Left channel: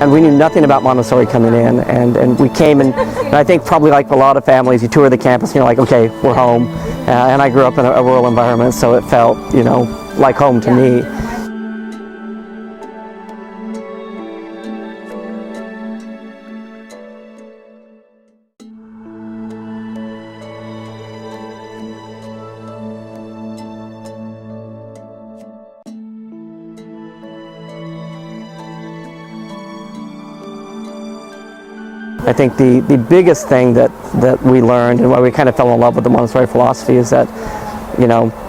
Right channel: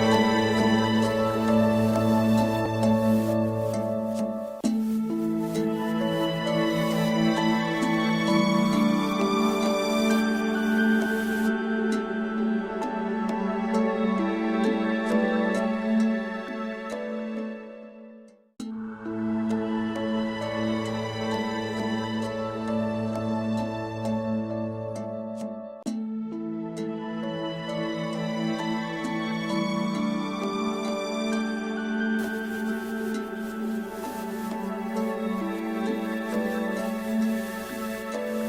And we knew nothing about Montessori coming in, and we came and I think probably like a lot of families, you tour the campus and you're like, okay, we're home. And I grew up in a rural environment, so it felt, like home to me. I think the biggest thing that we learned and why we kind of fell in love with the Montessori philosophy is that,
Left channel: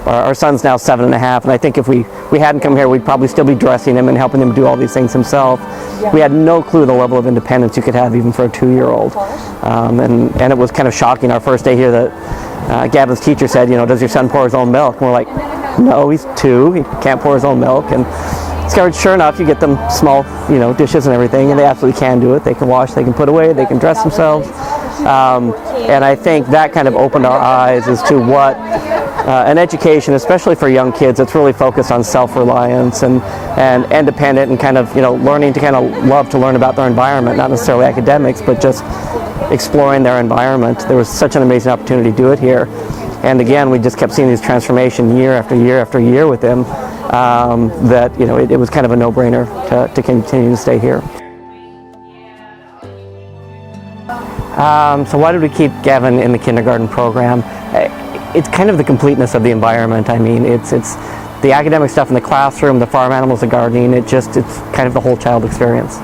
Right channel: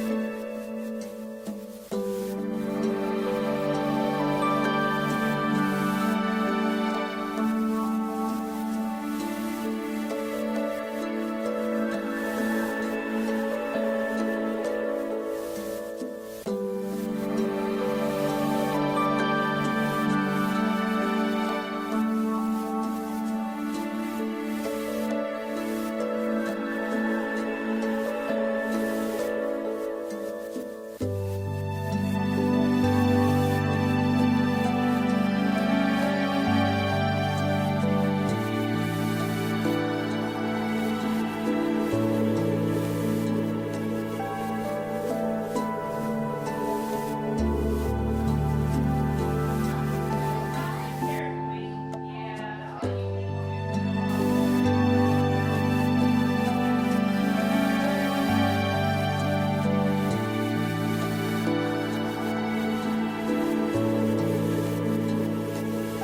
our son's now 7.5, and I think if we hadn't come here, we'd probably still be dressing him and helping him do all these things himself. We had no clue the level of independence you could have even for a 2-year-old. And it was kind of shocking our first day here that Gavin's teacher said, does your son pour his own milk? And we're like, no, he's 2, he can't pour his own milk. And sure enough, you get them small, dishes and everything, and they absolutely can do it. They can wash, they can put away, they can dress themselves. And I think that kind of opened our eyes as to what an education, especially for young kids, that's really focused on self-reliance and independent and kind of, learning to kind of love to learn about their environment, not necessarily academics, but just exploring their environment. There was such an amazing opportunity to do it here. And again, we just kept seeing these transformation year after year after year with him. That it was kind of a no-brainer to continue to stay here. So why did we keep Gavin in the kindergarten program? It's kind of the completeness of the environment. I mean, it's the academic stuff in the classroom, the farm animals, the gardening. It's kind of the whole child experience.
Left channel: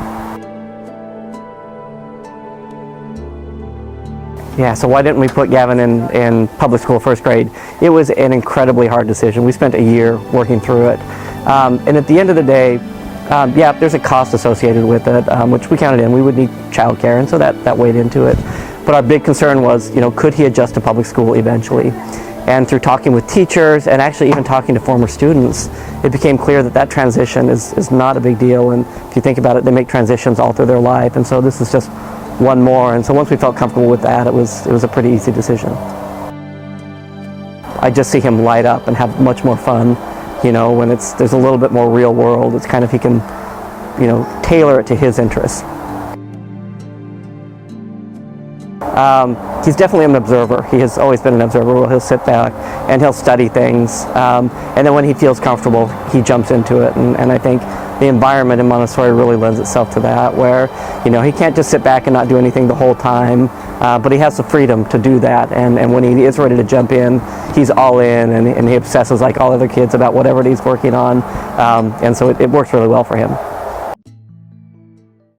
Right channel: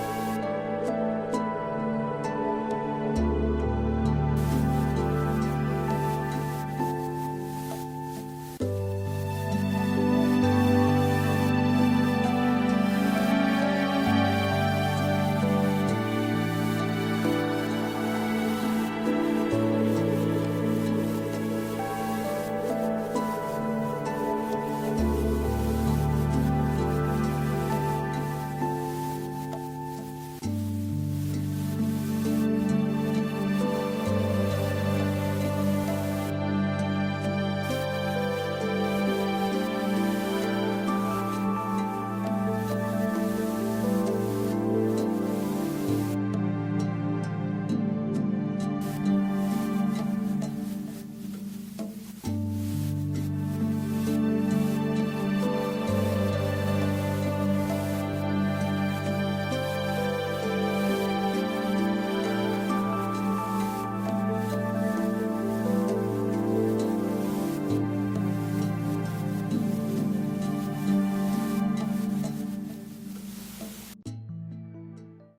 Yeah, so why didn't we put Gavin in public school first grade? It was an incredibly hard decision. We spent a year working through it. And at the end of the day, there's a cost associated with it, which we counted in. We would need childcare, and so that weighed into it. But our big concern was, could he adjust to public school eventually? And through talking with teachers and actually even talking to former students, it became clear that transition is not a big deal. And if you think about it, they make transitions all through their life. And so this is just one more. And so once we felt comfortable with that, it was a pretty easy decision. I just see him light up and have much more fun, when there's a little bit more real world. It's kind of, he can, tailor it to his interests. He's definitely an observer. He has always been an observer. He'll sit back and he'll study things. And then when he feels comfortable, he jumps into it. And I think the environment in Montessori really lends itself to that, where, he can't just sit back and not do anything the whole time, but he has the freedom to do that. And when he is ready to jump in, he's all in, and he obsesses like all other kids about whatever he's working on. And so it works really well for him.